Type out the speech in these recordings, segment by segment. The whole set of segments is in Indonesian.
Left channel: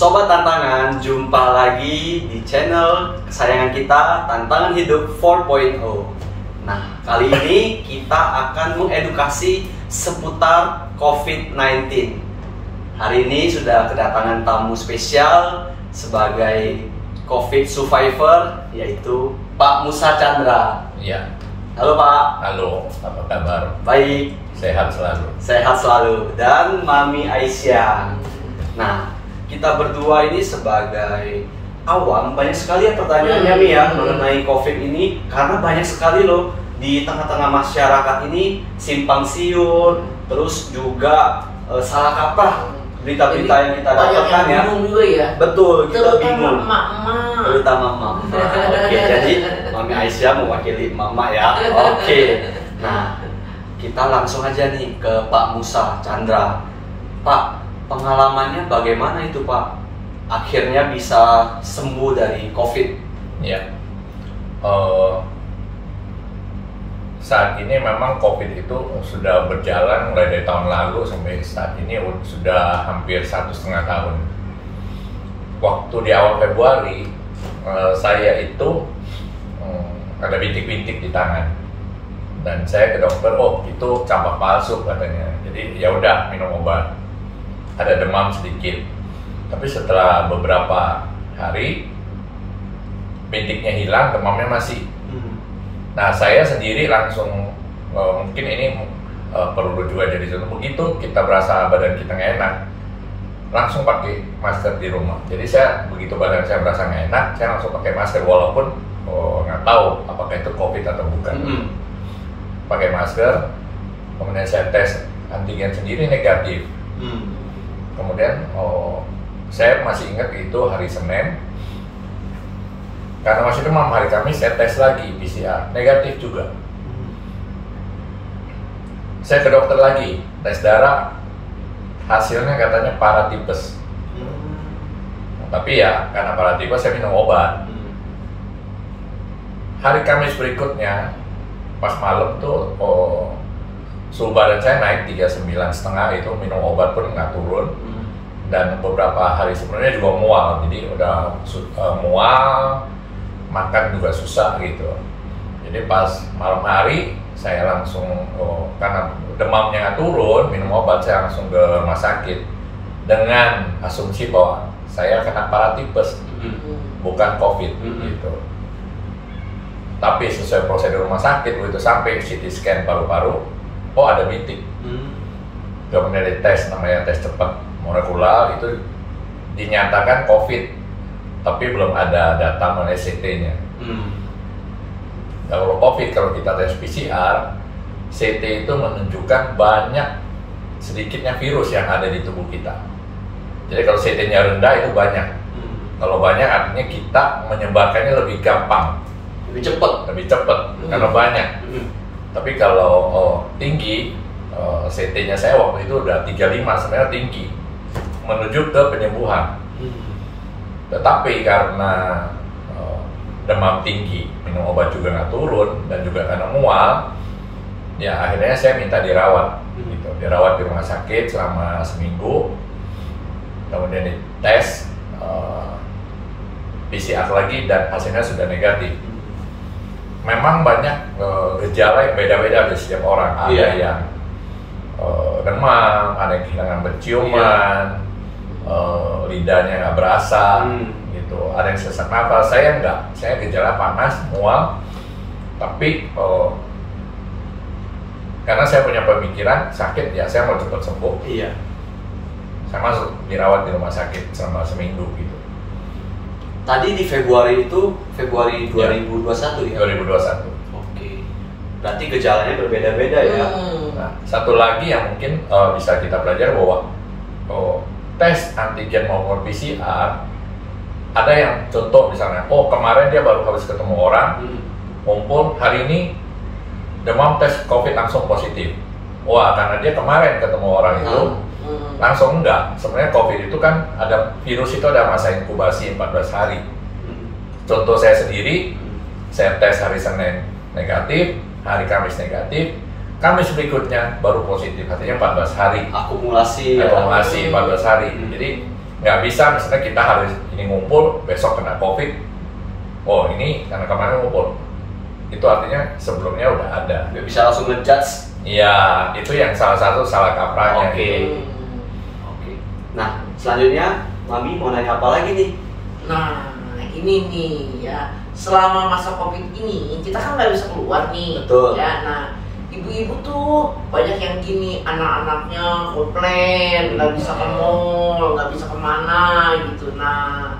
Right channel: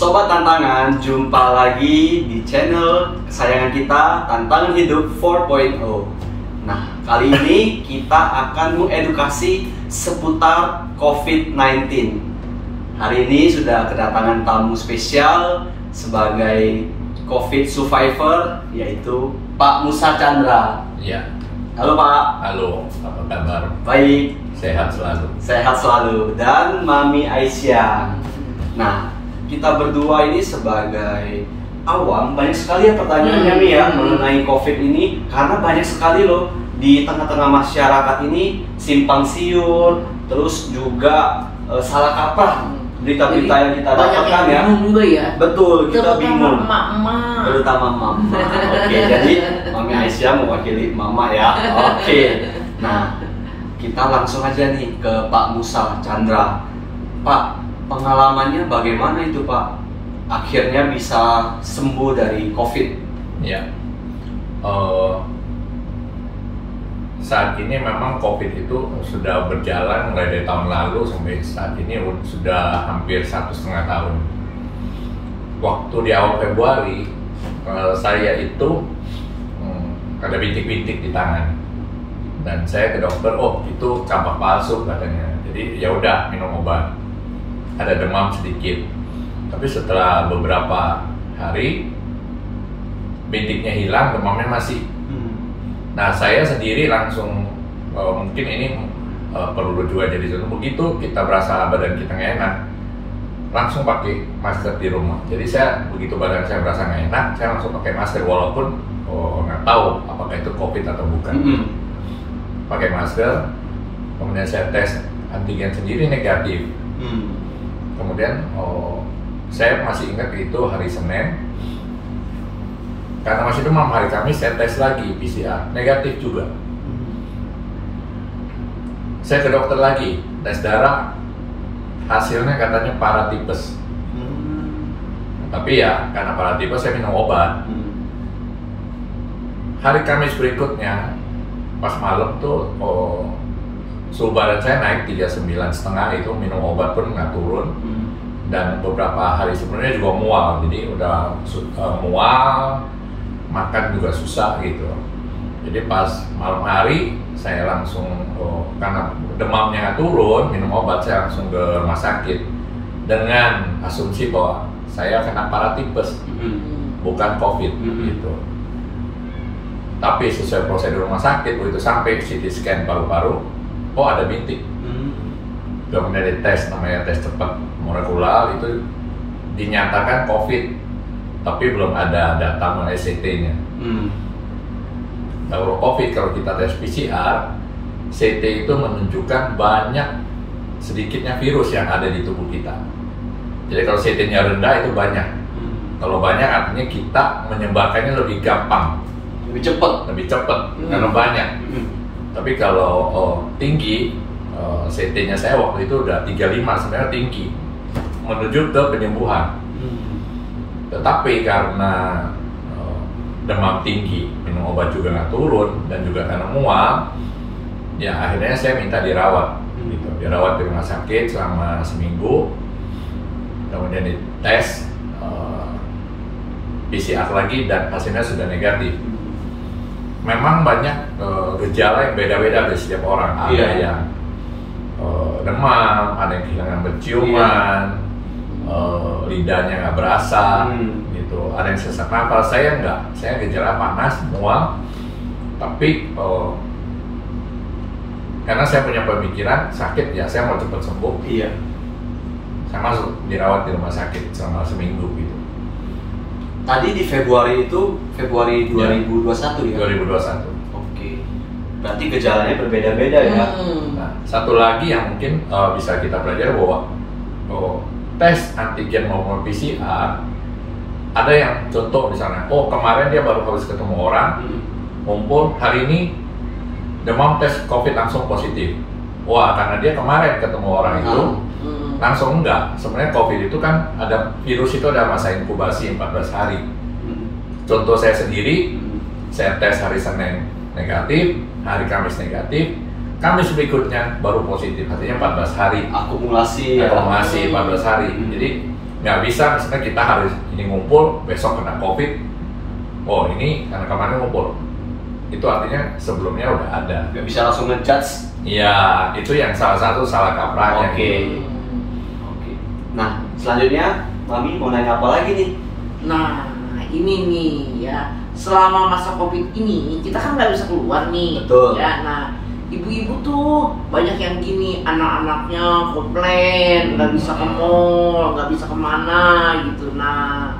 Sobat Tantangan, jumpa lagi di channel kesayangan kita, Tantangan Hidup 4.0. Nah, kali ini kita akan mengedukasi seputar COVID-19. Hari ini sudah kedatangan tamu spesial sebagai COVID survivor, yaitu Pak Musa Chandra. Iya. Halo Pak. Halo, apa kabar? Baik. Sehat selalu. Sehat selalu. Dan Mami Aisyah. Nah, kita berdua ini sebagai awam, banyak sekali ya pertanyaannya Mi ya mengenai COVID ini, karena banyak sekali loh di tengah-tengah masyarakat ini simpang siur, terus juga salah kaprah berita-berita yang kita dapatkan ya. Bingung juga ya. Betul, kita bingung. Emak-emak. Terutama mama. Oke, jadi Mami Aisyah mau wakili mama ya. Oke. Nah, kita langsung aja nih ke Pak Musa Chandra. Pak, pengalamannya bagaimana itu Pak? Akhirnya bisa sembuh dari COVID. Ya. Saat ini memang COVID itu sudah berjalan mulai dari tahun lalu sampai saat ini sudah hampir 1,5 tahun. Waktu di awal Februari, saya itu ada bintik-bintik di tangan, dan saya ke dokter, oh itu campak palsu katanya. Jadi ya udah minum obat. Ada demam sedikit, tapi setelah beberapa hari bintiknya hilang, demamnya masih. Nah, saya sendiri langsung mungkin ini perlu juga jadi contoh, begitu kita berasa badan kita nggak enak, langsung pakai masker di rumah. Jadi saya begitu badan saya berasa nggak enak, saya langsung pakai masker walaupun nggak tahu apakah itu COVID atau bukan. Pakai masker, kemudian saya tes antigen sendiri negatif. Kemudian saya masih ingat itu hari Senin, karena masih demam, hari Kamis saya tes lagi PCR, negatif juga. Saya ke dokter lagi, tes darah, hasilnya katanya paratipes. Tapi ya karena paratipes saya minum obat. Hari Kamis berikutnya pas malam tuh suhu badan saya naik 39,5, itu minum obat pun nggak turun. Dan beberapa hari sebelumnya juga mual, jadi udah mual, makan juga susah gitu. Jadi pas malam hari saya langsung, karena demamnya nggak turun, minum obat, saya langsung ke rumah sakit dengan asumsi bahwa saya kena paratipes, bukan COVID gitu. Tapi sesuai prosedur rumah sakit, begitu sampai CT scan paru-paru, oh ada bintik. Kemudian dites, namanya tes cepat molekular, itu dinyatakan COVID, tapi belum ada data mengenai CT-nya. Kalau COVID, kalau kita tes PCR, CT itu menunjukkan banyak sedikitnya virus yang ada di tubuh kita. Jadi kalau CT-nya rendah itu banyak. Kalau banyak artinya kita menyebarkannya lebih gampang, lebih cepat karena banyak. Tapi kalau tinggi, CT-nya saya waktu itu udah 35, sebenarnya tinggi, menuju ke penyembuhan. Tetapi karena demam tinggi, minum obat juga nggak turun, dan juga karena mual, ya akhirnya saya minta dirawat, gitu. Dirawat di rumah sakit selama seminggu, kemudian dites PCR lagi dan hasilnya sudah negatif. Memang banyak gejala yang beda-beda dari setiap orang. Ada yang demam, ada yang kehilangan penciuman, lidahnya nggak berasa, gitu. Ada yang sesak nafas. Saya enggak, saya gejala panas, mual, tapi karena saya punya pemikiran sakit ya saya mau cepat sembuh. Saya masuk dirawat di rumah sakit selama seminggu gitu. Tadi di Februari itu, Februari 2021 ya? 2021. Oke. Berarti gejalanya berbeda-beda ya? Nah, satu lagi yang mungkin bisa kita pelajari bahwa tes antigen maupun PCR, ada yang contoh misalnya, kemarin dia baru habis ketemu orang, kumpul, hari ini demam, tes COVID langsung positif. Wah, karena dia kemarin ketemu orang itu, langsung enggak. Sebenarnya COVID itu kan ada virus, itu ada masa inkubasi 14 hari. Contoh saya sendiri, saya tes hari Senin negatif, hari Kamis negatif, Kamis berikutnya baru positif, artinya 14 hari. Akumulasi 14 hari. Jadi Nggak bisa misalnya kita hari ini ngumpul, besok kena COVID. Oh ini karena kemarin ngumpul. Itu artinya sebelumnya udah ada. Nggak bisa langsung ngejudge. Iya, itu yang salah satu salah kaprahnya. Oke. Nah, selanjutnya Mami mau nanya apa lagi nih? Nah, ini nih ya, selama masa COVID ini kita kan nggak bisa keluar nih. Betul. Ya, nah ibu-ibu tuh banyak yang gini, anak-anaknya komplain, nggak bisa ke mall, nggak bisa kemana gitu. Nah,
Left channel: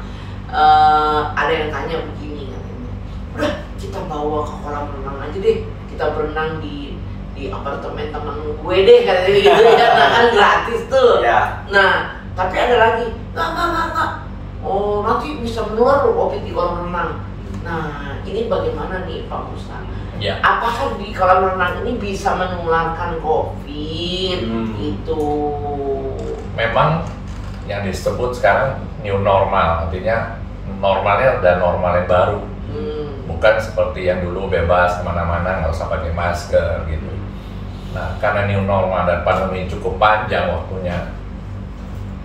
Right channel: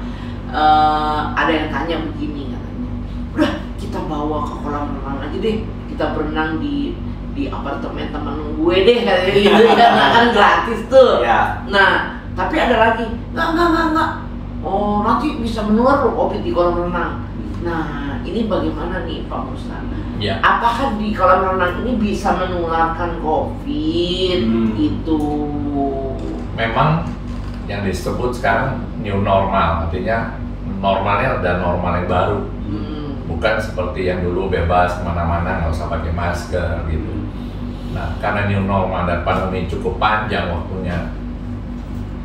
ada yang tanya begini katanya, udah kita bawa ke kolam renang aja deh, kita berenang di apartemen temen gue deh katanya gitu ya, nah, kan gratis tuh. Ya. Nah, tapi ada lagi, nggak. Oh, nanti bisa menular loh COVID di kolam renang. Nah, ini bagaimana nih Pak Ustaz? Ya. Apakah di kolam renang ini bisa menularkan COVID gitu? Memang yang disebut sekarang new normal, artinya normalnya ada normal yang baru. Bukan seperti yang dulu bebas kemana-mana nggak usah pakai masker gitu. Nah, karena new normal dan pandemi cukup panjang waktunya,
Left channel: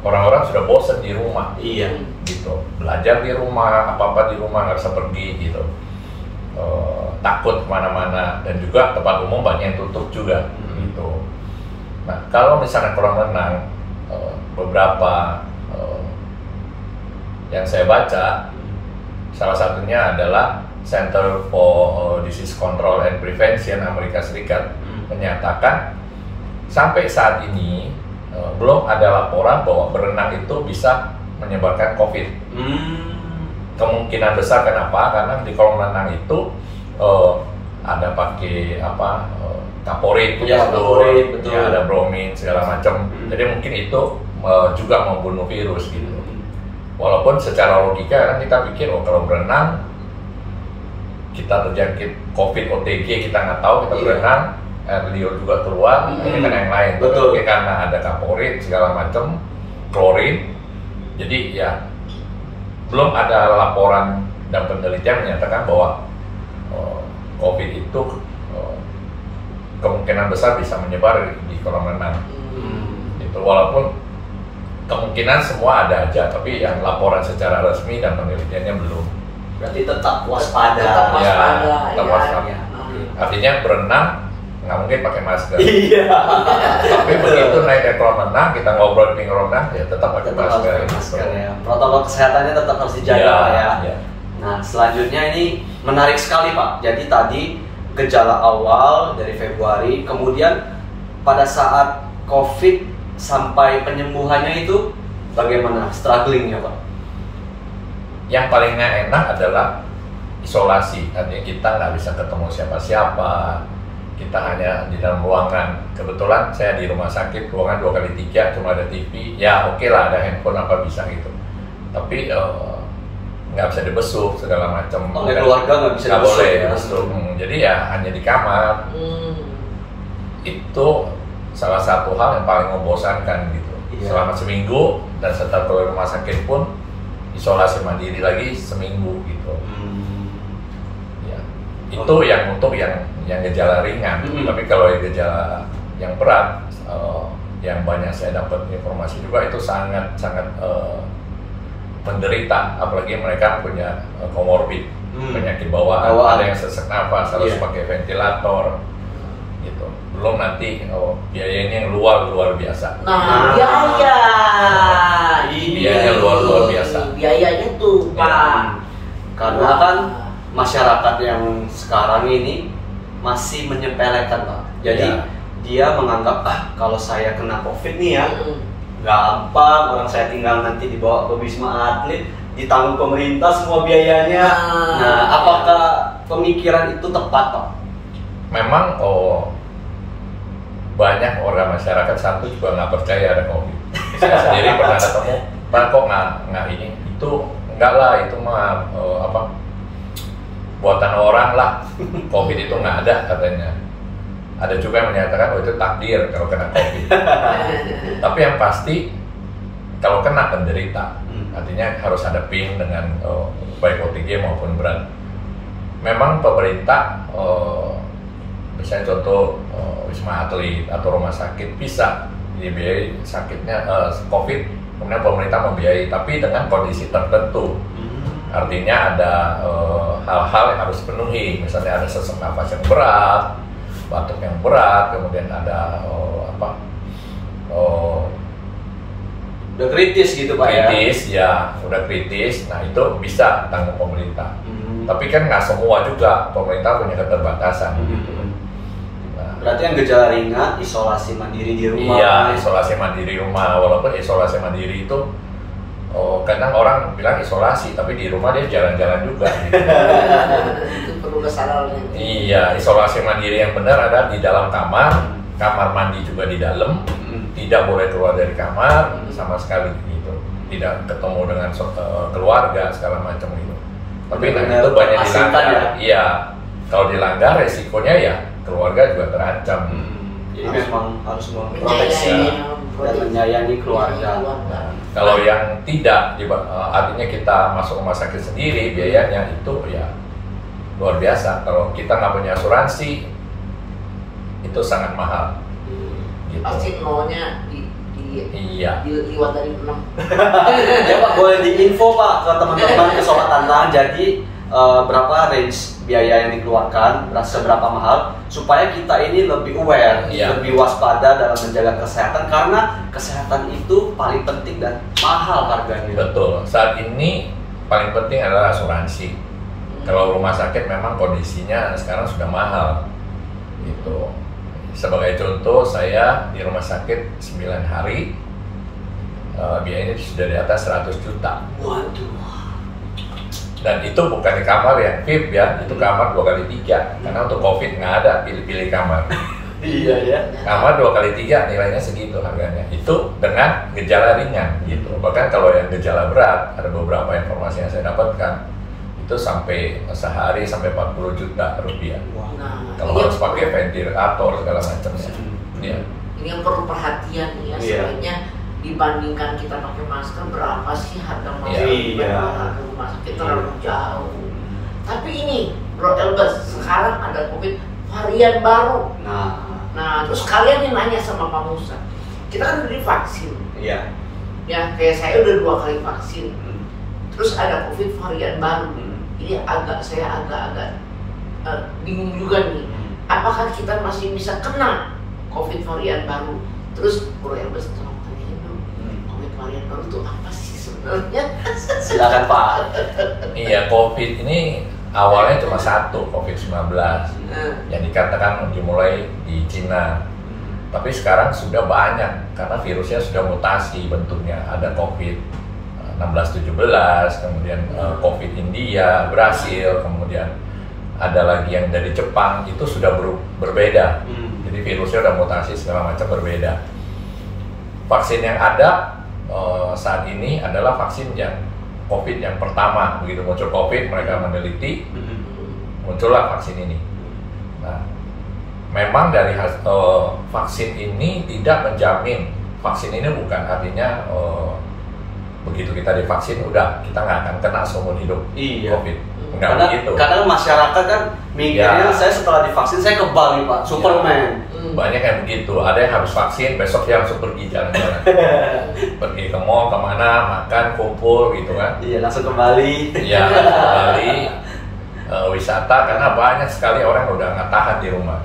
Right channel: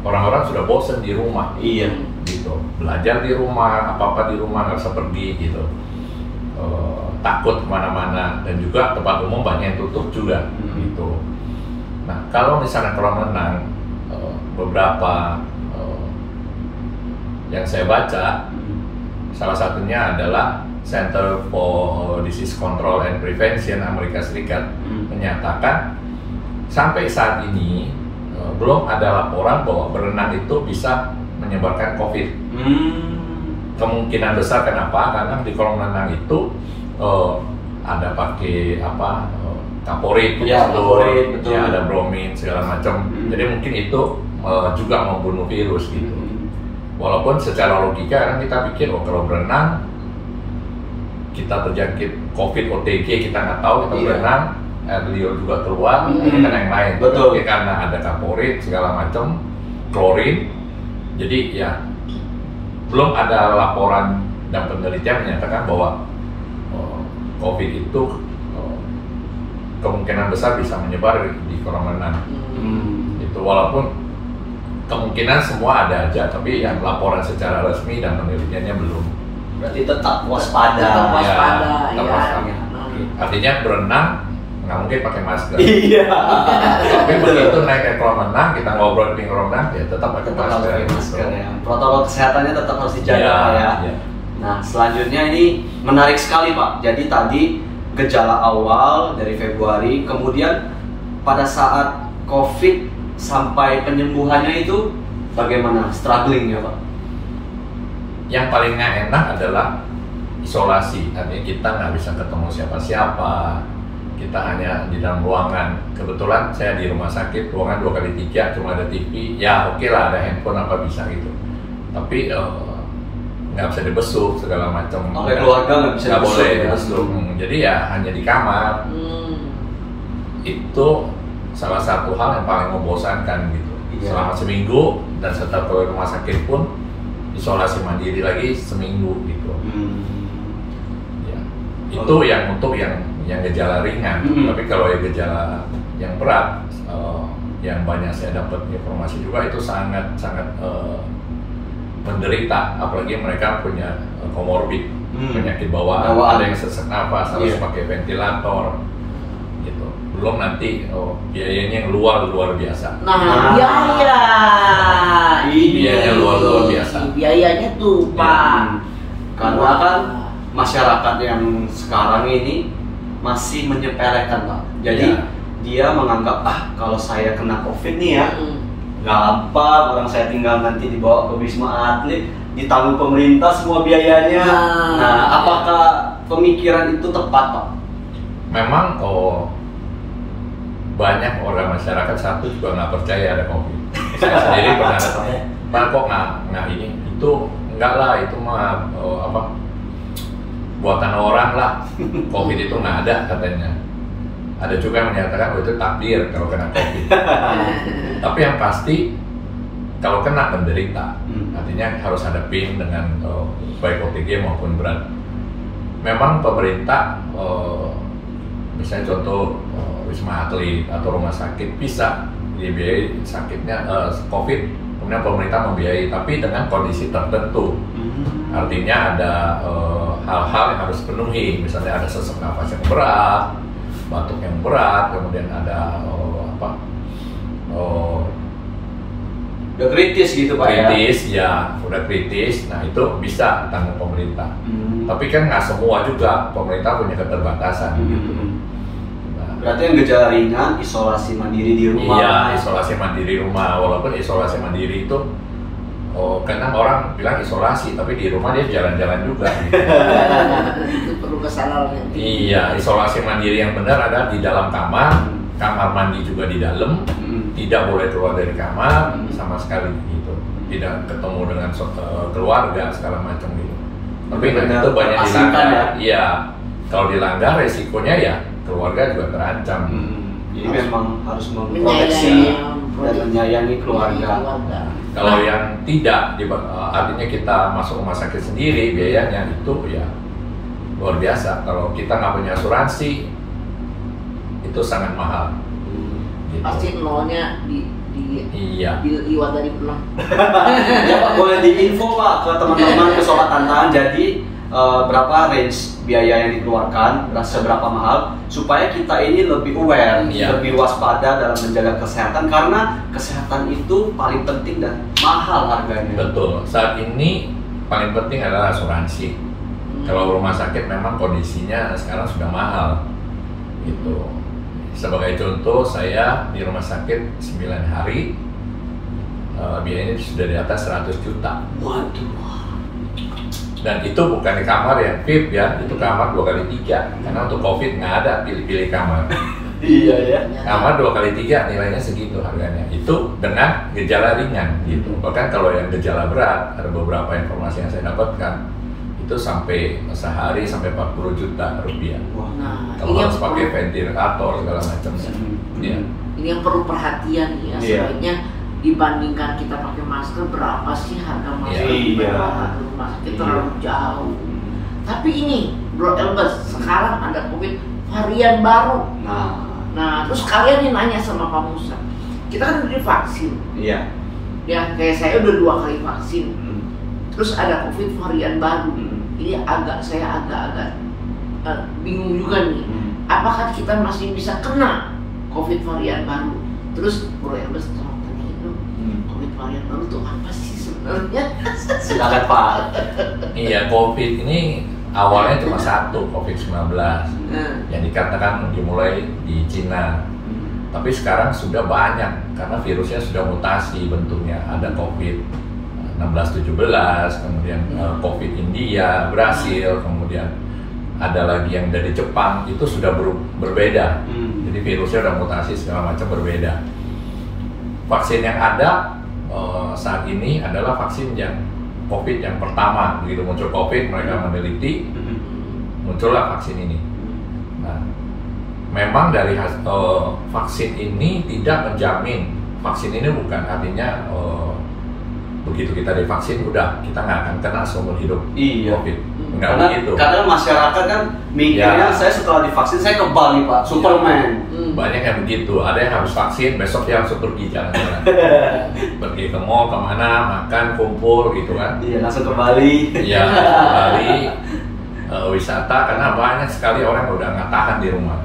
orang-orang sudah bosan di rumah. Iya. Gitu, belajar di rumah, apa-apa di rumah, nggak bisa pergi gitu. Takut kemana-mana, dan juga tempat umum banyak yang tutup juga gitu. Nah, kalau misalnya kolam renang, beberapa yang saya baca, salah satunya adalah Center for Disease Control and Prevention Amerika Serikat menyatakan sampai saat ini belum ada laporan bahwa berenang itu bisa menyebarkan COVID. Kemungkinan besar kenapa? Karena di kolam renang itu ada pakai kaporit, ya, betul. Ya, ada bromin segala macam. Jadi mungkin itu juga membunuh virus gitu. Walaupun secara logika kan kita pikir kalau berenang kita terjangkit COVID, OTG kita nggak tahu, kita berenang, air liur juga keluar, ini kan yang lain. Betul. Tapi karena ada kaporit segala macam, klorin, jadi ya belum ada laporan dan penelitian menyatakan bahwa COVID itu kemungkinan besar bisa menyebar di kolam renang. Itu walaupun kemungkinan semua ada aja, tapi yang laporan secara resmi dan penelitiannya belum. Berarti tetap waspada. Tetap waspada, tetap ya. waspada. Artinya berenang nggak mungkin pakai masker. Iya. Tapi begitu naik ke kolam renang, kita ngobrol di kolam renang, ya tetap pakai masker. Ya. Protokol kesehatannya tetap harus dijaga ya. Nah, selanjutnya ini menarik sekali Pak. Jadi tadi gejala awal dari Februari, kemudian pada saat COVID sampai penyembuhannya itu bagaimana strugglingnya Pak? Yang paling nggak enak adalah isolasi. Artinya kita nggak bisa ketemu siapa-siapa. Kita hanya di dalam ruangan. Kebetulan saya di rumah sakit, ruangan 2x3, cuma ada TV. Ya oke lah, ada handphone apa bisa gitu. Tapi nggak bisa dibesuk segala macam. Oleh keluarga nggak bisa dibesuk, boleh ya? dibesuk. Jadi ya hanya di kamar. Itu salah satu hal yang paling membosankan gitu. Selama seminggu, dan setelah keluar rumah sakit pun isolasi mandiri lagi seminggu gitu. Ya. Itu yang untuk yang gejala ringan. Tapi kalau yang gejala yang berat, yang banyak saya dapat informasi juga itu sangat menderita, apalagi mereka punya komorbid, penyakit bawaan, ada yang sesak nafas, harus pakai ventilator gitu. Belum nanti biayanya yang luar biasa. Nah, biayanya luar biasa. Biayanya tuh Pak. Karena kan masyarakat yang sekarang ini masih menyepelekan Pak. Jadi dia menganggap kalau saya kena COVID nih ya, gampang, orang saya tinggal nanti dibawa ke Wisma Atlet, ditanggung pemerintah semua biayanya. Nah, apakah pemikiran itu tepat Pak? Memang banyak orang masyarakat satu juga nggak percaya ada COVID. Saya sendiri pernah ketemu, Pak kok nggak ini? Itu enggak lah, itu mah buatan orang lah. COVID itu nggak ada katanya. Ada juga yang menyatakan itu takdir kalau kena COVID. Tapi yang pasti kalau kena menderita, artinya harus hadapin dengan baik OTG maupun berat. Memang pemerintah, misalnya contoh Wisma Atlet atau rumah sakit bisa dibiayai sakitnya COVID kemudian pemerintah membiayai, tapi dengan kondisi tertentu. Artinya ada hal-hal yang harus dipenuhi, misalnya ada sesak nafas yang berat, batuk yang berat, kemudian ada udah kritis gitu Pak kritis ya, udah kritis, nah itu bisa tanggung pemerintah. Tapi kan nggak semua juga, pemerintah punya keterbatasan. Nah, berarti yang gejala ringan isolasi mandiri di rumah. Iya, isolasi mandiri rumah, walaupun isolasi mandiri itu kadang orang bilang isolasi, tapi di rumah dia jalan-jalan juga. Itu perlu kesadaran. Iya, isolasi mandiri yang benar adalah di dalam kamar, kamar mandi juga di dalam, tidak boleh keluar dari kamar sama sekali gitu, tidak ketemu dengan keluarga segala macam gitu. Tapi itu banyak dilanggar. Ya? Iya, kalau dilanggar resikonya ya keluarga juga terancam. Jadi memang harus memproteksi dan menyayangi keluarga. Kalau yang tidak, artinya kita masuk rumah sakit sendiri, biayanya itu ya luar biasa. Kalau kita nggak punya asuransi, itu sangat mahal. Gitu. Pasti nolnya iya. di dari 6. Ya Pak, boleh diinfo Pak ke teman-teman ke Sobat Tantangan. Jadi berapa range biaya yang dikeluarkan, seberapa mahal, supaya kita ini lebih aware, lebih waspada dalam menjaga kesehatan, karena kesehatan itu paling penting dan mahal harganya. Betul. Saat ini paling penting adalah asuransi. Kalau rumah sakit memang kondisinya sekarang sudah mahal. Gitu. Sebagai contoh, saya di rumah sakit 9 hari, biayanya sudah di atas 100 juta. Waduh. Dan itu bukan di kamar yang VIP ya, itu kamar 2x3. Karena untuk COVID nggak ada pilih-pilih kamar. Iya ya. Kamar 2x3 nilainya segitu harganya. Itu dengan gejala ringan gitu. Bahkan kalau yang gejala berat, ada beberapa informasi yang saya dapatkan, itu sampai sehari sampai 40 juta rupiah. Nah, kalau harus pakai ventilator segala macamnya. Ini yang perlu perhatian ya, sebenarnya dibandingkan kita pakai masker, berapa sih harga masker? Harga rumah sakit terlalu jauh. Tapi ini Bro Elbas, sekarang ada COVID varian baru. Nah, terus kalian nih nanya sama Pak Musa, kita kan udah divaksin. Iya. Ya, kayak saya udah 2 kali vaksin. Terus ada COVID varian baru. Ini saya agak bingung juga nih. Apakah kita masih bisa kena COVID varian baru? Terus boleh Elbas tolong tanyain dulu, COVID varian baru itu apa sih sebenarnya? Silakan Pak. Iya, COVID ini awalnya cuma satu, COVID-19 yang dikatakan dimulai di Cina. Tapi sekarang sudah banyak karena virusnya sudah mutasi bentuknya. Ada COVID 16-17, kemudian COVID India, Brasil, kemudian ada lagi yang dari Jepang, itu sudah berbeda. Jadi virusnya sudah mutasi segala macam berbeda. Vaksin yang ada saat ini adalah vaksin yang COVID yang pertama. Begitu muncul COVID, mereka meneliti, muncullah vaksin ini. Nah, memang dari vaksin ini tidak menjamin, vaksin ini bukan artinya begitu kita divaksin udah kita nggak akan kena seumur hidup COVID. Nggak begitu. Karena masyarakat kan mikirnya saya setelah divaksin saya kebal nih Pak, Superman. Banyak yang begitu. Ada yang habis vaksin besok dia langsung pergi jalan-jalan, pergi ke mall kemana, makan, kumpul gitu kan. Iya, langsung kembali. Iya, kembali wisata, karena banyak sekali orang yang udah nggak tahan di rumah.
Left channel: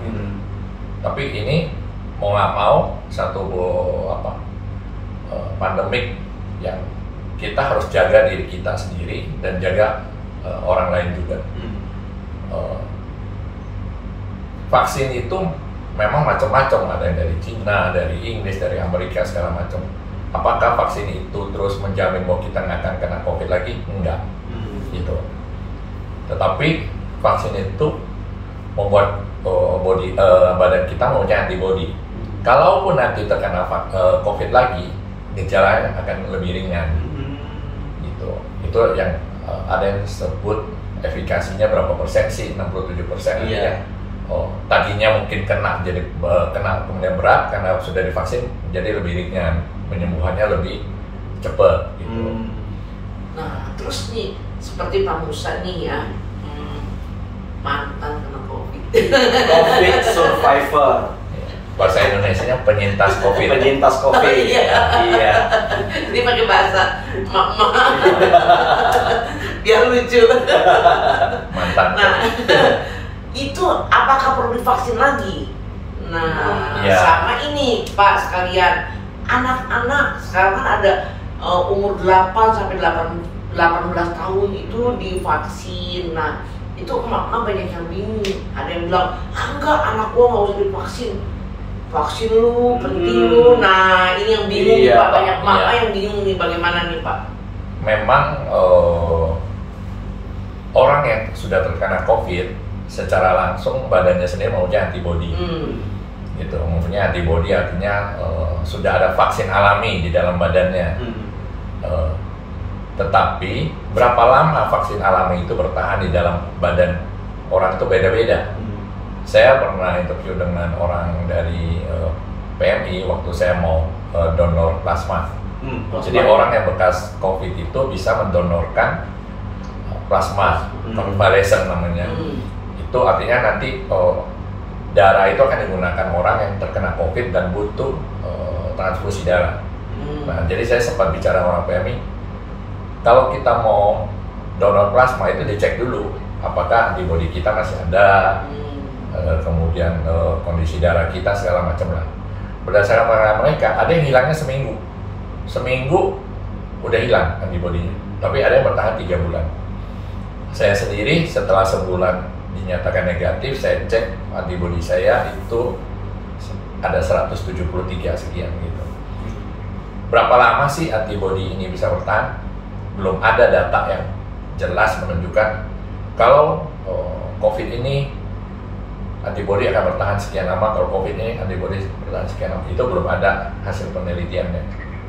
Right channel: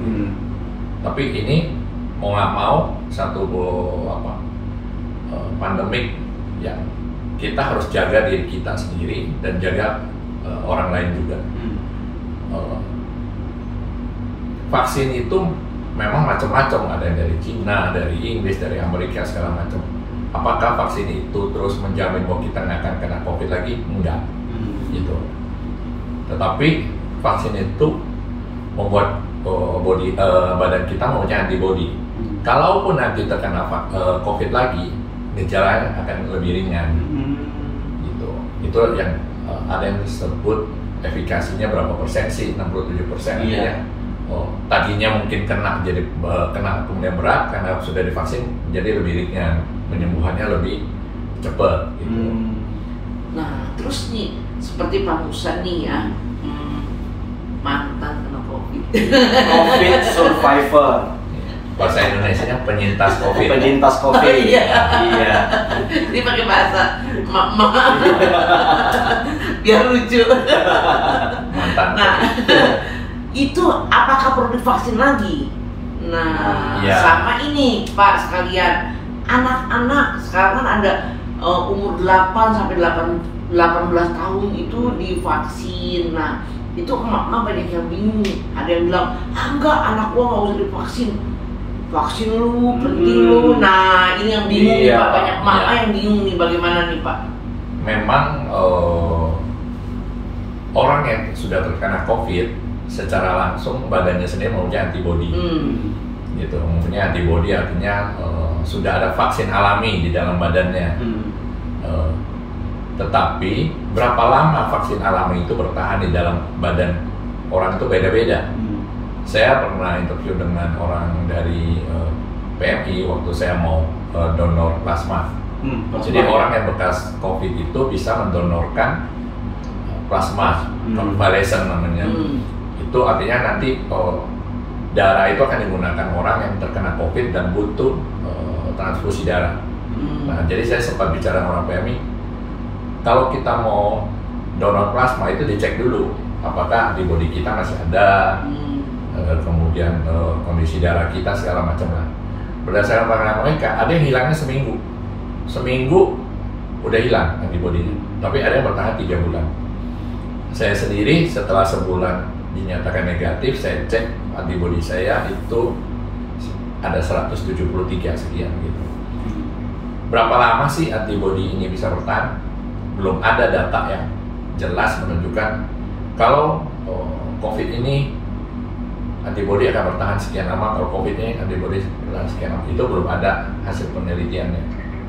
Tapi ini mau nggak mau satu pandemik yang kita harus jaga diri kita sendiri dan jaga orang lain juga. Vaksin itu memang macam-macam, ada yang dari Cina, dari Inggris, dari Amerika segala macam. Apakah vaksin itu terus menjamin bahwa kita nggak akan kena COVID lagi? Enggak, gitu. Tetapi vaksin itu membuat badan kita mempunyai antibody. Kalaupun nanti terkena COVID lagi, gejalanya akan lebih ringan. Gitu. Itu yang ada yang disebut efikasinya berapa persen sih? 67%. Iya. Tadinya mungkin kena jadi kena kemudian berat, karena sudah divaksin jadi lebih ringan, penyembuhannya lebih cepat. Gitu. Nah, terus nih seperti Pak Musa nih ya, mantan kena COVID. COVID survivor. Bahasa Indonesianya penyintas COVID. Penyintas COVID. Oh, iya. Iya. Ini pakai bahasa mak biar lucu. Mantan. Nah, itu apakah perlu divaksin lagi? Nah, Iya. sama ini Pak sekalian, anak-anak sekarang kan ada umur 8 sampai 18 tahun itu divaksin. Nah, itu emak-emak banyak yang bingung. Ada yang bilang, enggak, anak gua nggak usah divaksin. Vaksin lu, penting lu. Nah, ini yang bingung nih Iya, Pak. Banyak emak iya. yang bingung nih, bagaimana nih Pak? Memang orang yang sudah terkena COVID secara langsung badannya sendiri mempunyai antibodi. Gitu, mempunyai antibodi artinya sudah ada vaksin alami di dalam badannya. Tetapi berapa lama vaksin alami itu bertahan di dalam badan orang itu beda-beda. Saya pernah interview dengan orang dari PMI waktu saya mau donor plasma. Jadi orang yang bekas COVID itu bisa mendonorkan plasma, convalescent namanya. Itu artinya nanti darah itu akan digunakan orang yang terkena COVID dan butuh transfusi darah. Nah, jadi saya sempat bicara dengan orang PMI, kalau kita mau donor plasma itu dicek dulu apakah antibodi kita masih ada, kemudian kondisi darah kita segala macam lah. Berdasarkan pengalaman mereka, ada yang hilangnya seminggu udah hilang antibodinya, tapi ada yang bertahan 3 bulan. Saya sendiri setelah sebulan dinyatakan negatif, saya cek antibodi saya itu ada 173 sekian gitu. Berapa lama sih antibodi ini bisa bertahan? Belum ada data yang jelas menunjukkan kalau COVID ini antibodi akan bertahan sekian lama, kalau COVID ini antibodi bertahan sekian lama. Itu belum ada hasil penelitiannya.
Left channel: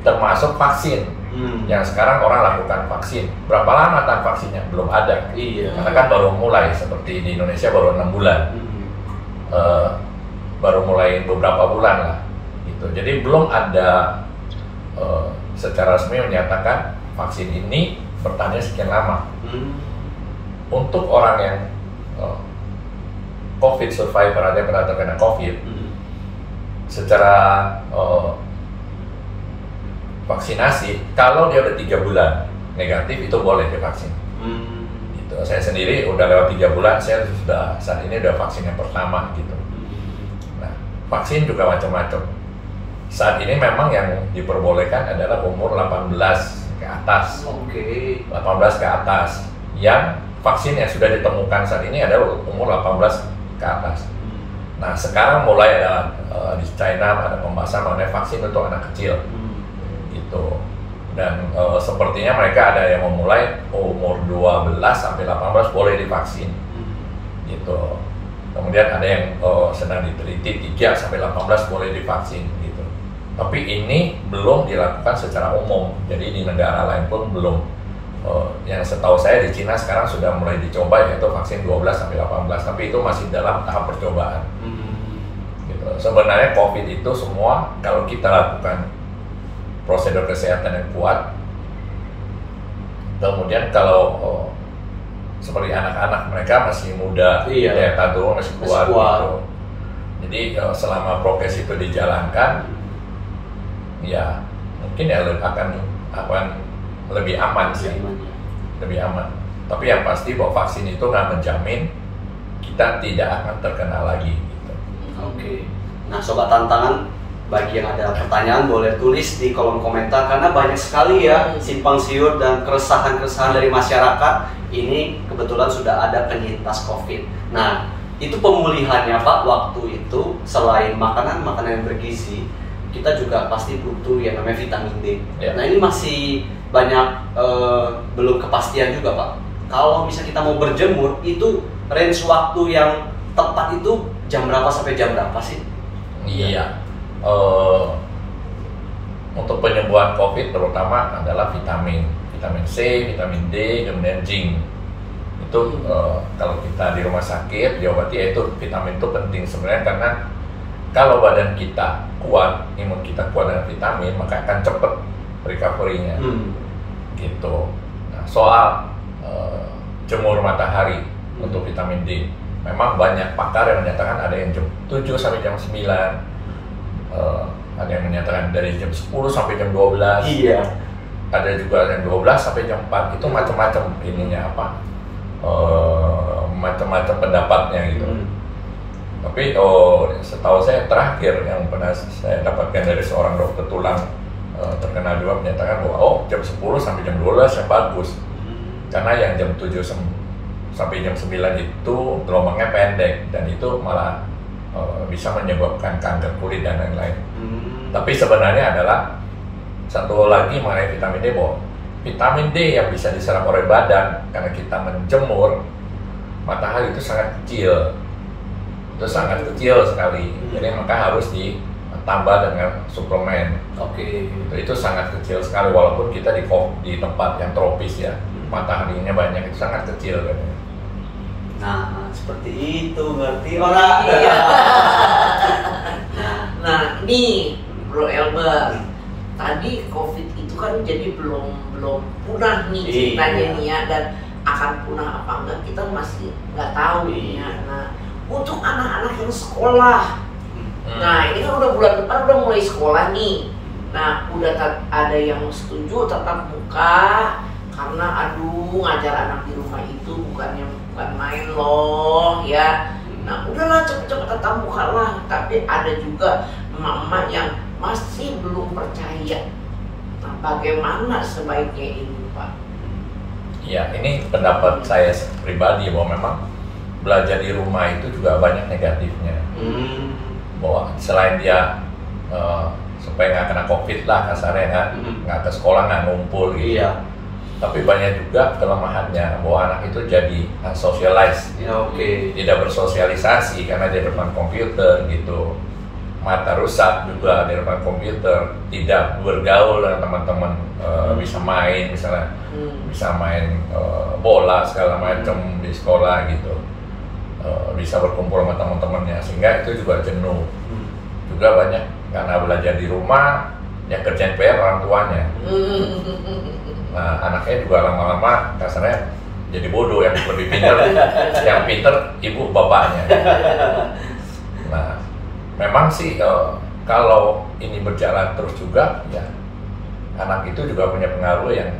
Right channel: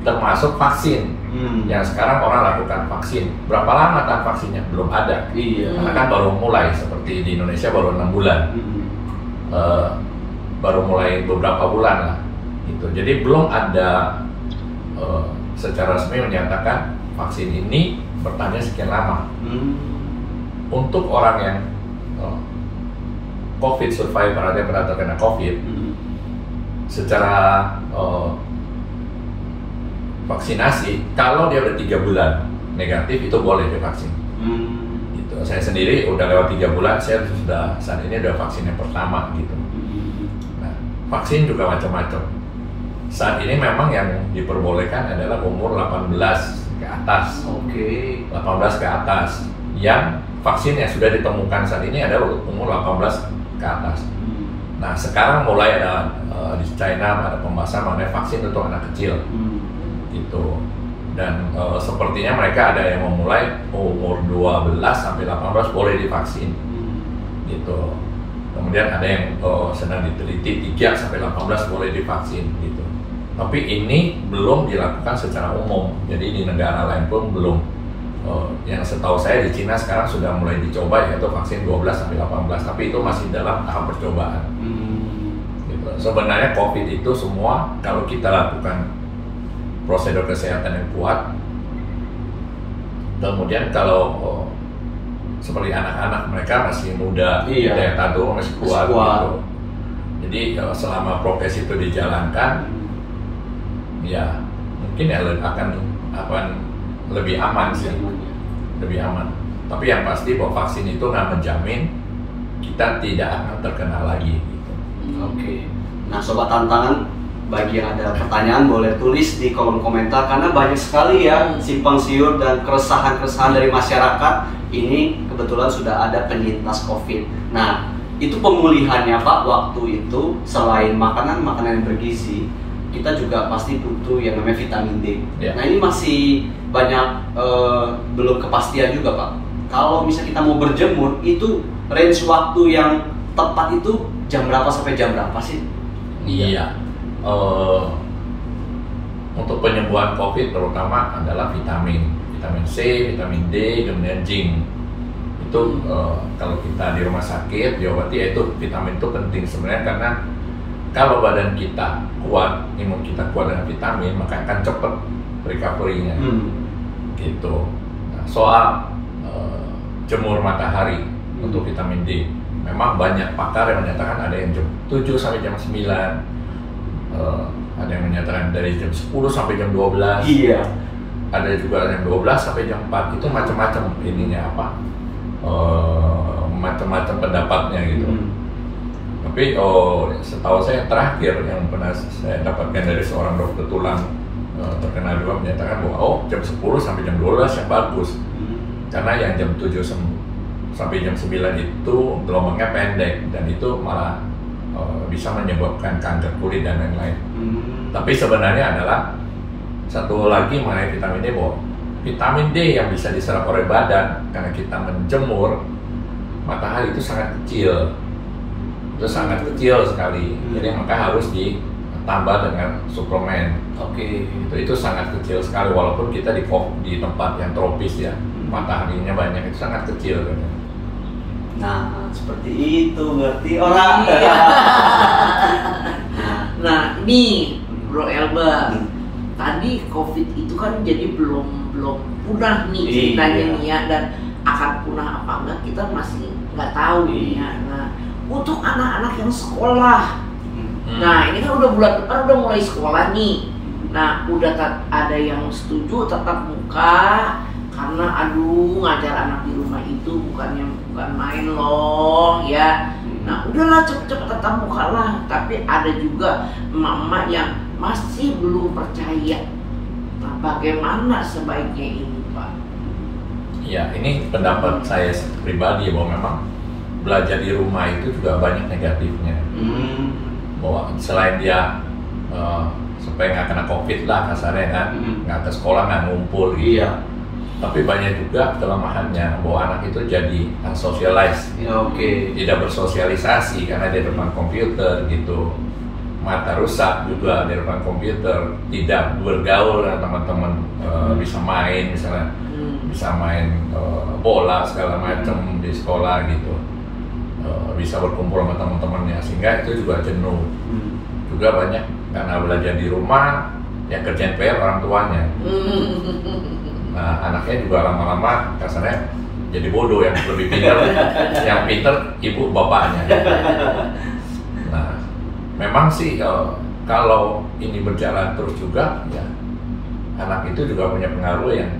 Termasuk vaksin yang sekarang orang lakukan vaksin. Berapa lama tahan vaksinnya? Belum ada. Iya. Karena kan baru mulai, seperti di Indonesia baru 6 bulan. Baru mulai beberapa bulan lah. Gitu. Jadi belum ada secara resmi menyatakan vaksin ini bertahannya sekian lama. Untuk orang yang COVID survivor, ada yang pernah terkena COVID, secara vaksinasi, kalau dia udah 3 bulan negatif itu boleh divaksin. Gitu. Saya sendiri udah lewat 3 bulan, saya sudah saat ini udah vaksin yang pertama gitu. Nah, vaksin juga macam-macam. Saat ini memang yang diperbolehkan adalah umur 18 ke atas. 18 ke atas. Yang vaksin yang sudah ditemukan saat ini adalah umur 18 ke atas. Nah, sekarang mulai ada di China ada pembahasan mengenai vaksin untuk anak kecil. Gitu. Dan sepertinya mereka ada yang memulai umur 12 sampai 18 boleh divaksin. Gitu. Kemudian ada yang sedang diteliti 3 sampai 18 boleh divaksin gitu. Tapi ini belum dilakukan secara umum. Jadi di negara lain pun belum. Yang setahu saya di Cina sekarang sudah mulai dicoba yaitu vaksin 12 sampai 18, tapi itu masih dalam tahap percobaan. Gitu. Sebenarnya COVID itu semua kalau kita lakukan prosedur kesehatan yang kuat, kemudian kalau seperti anak-anak mereka masih muda, daya tahan tubuh masih kuat. Gitu. Jadi selama prokes itu dijalankan, ya mungkin ya akan lebih aman sih, lebih aman. Tapi yang pasti bahwa vaksin itu nggak menjamin kita tidak akan terkena lagi. Gitu. Nah, sobat tantangan, bagi yang ada pertanyaan boleh tulis di kolom komentar karena banyak sekali ya simpang siur dan keresahan-keresahan dari masyarakat. Ini kebetulan sudah ada penyintas COVID. Nah, itu pemulihannya Pak waktu itu selain makanan yang bergizi, kita juga pasti butuh yang namanya vitamin D. Nah, ini masih banyak belum kepastian juga Pak. Kalau misalnya kita mau berjemur, itu range waktu yang tepat itu jam berapa sampai jam berapa sih? Iya. Untuk penyembuhan COVID terutama adalah vitamin C, vitamin D, kemudian zinc. Itu kalau kita di rumah sakit diobati, yaitu vitamin itu penting sebenarnya karena kalau badan kita kuat, imun kita kuat dengan vitamin, maka akan cepat recovery-nya. Gitu. Nah, soal jemur matahari untuk vitamin D, memang banyak pakar yang menyatakan ada yang jam 7 sampai jam 9, ada yang menyatakan dari jam 10 sampai jam 12. Iya. Ada juga jam 12 sampai jam 4. Itu macam-macam ininya apa? Macam-macam pendapatnya gitu. Tapi setahu saya terakhir yang pernah saya dapatkan dari seorang dokter tulang terkenal juga menyatakan bahwa jam 10 sampai jam 12 yang bagus. Karena yang jam 7 sampai jam 9 itu gelombangnya pendek dan itu malah bisa menyebabkan kanker kulit dan lain-lain. Tapi sebenarnya adalah satu lagi mengenai vitamin D, bahwa vitamin D yang bisa diserap oleh badan karena kita menjemur matahari itu sangat kecil. Itu sangat kecil sekali. Jadi maka harus ditambah dengan suplemen. Oke. Itu sangat kecil sekali walaupun kita di tempat yang tropis ya. Mataharinya banyak, itu sangat kecil kan. Nah, seperti itu berarti orang. Iya. Nah, nih Bro Elber, tadi COVID itu kan jadi belum punah nih ceritanya nih ya, dan akan punah apa enggak kita masih nggak tahu ya. Nah, untuk anak-anak yang sekolah, nah ini kan udah bulan depan udah mulai sekolah nih. Nah, udah ada yang setuju tatap muka karena ngajar anak di rumah itu bukan main loh ya. Nah, udahlah cepet-cepet tatap muka lah. Tapi ada juga emak-emak yang masih belum percaya. Nah, bagaimana sebaiknya ini, Pak? Ya, ini pendapat saya pribadi bahwa memang belajar di rumah itu juga banyak negatifnya. Bahwa selain dia supaya nggak kena COVID lah kasarnya kan, nggak ke sekolah, nggak ngumpul gitu. Iya. Tapi banyak juga kelemahannya bahwa anak itu jadi socialize, tidak bersosialisasi karena di depan komputer gitu. Mata rusak juga di depan komputer, tidak bergaul dengan teman-teman, bisa main misalnya, bisa main bola segala macam di sekolah gitu, bisa berkumpul sama teman-temannya, sehingga itu juga jenuh. Juga banyak karena belajar di rumah yang kerjain PR orang tuanya. Nah, anaknya juga lama-lama kasarnya jadi bodoh, yang lebih pintar, yang pintar ibu bapaknya. Nah, memang sih kalau ini berjalan terus juga ya, anak itu juga punya pengaruh yang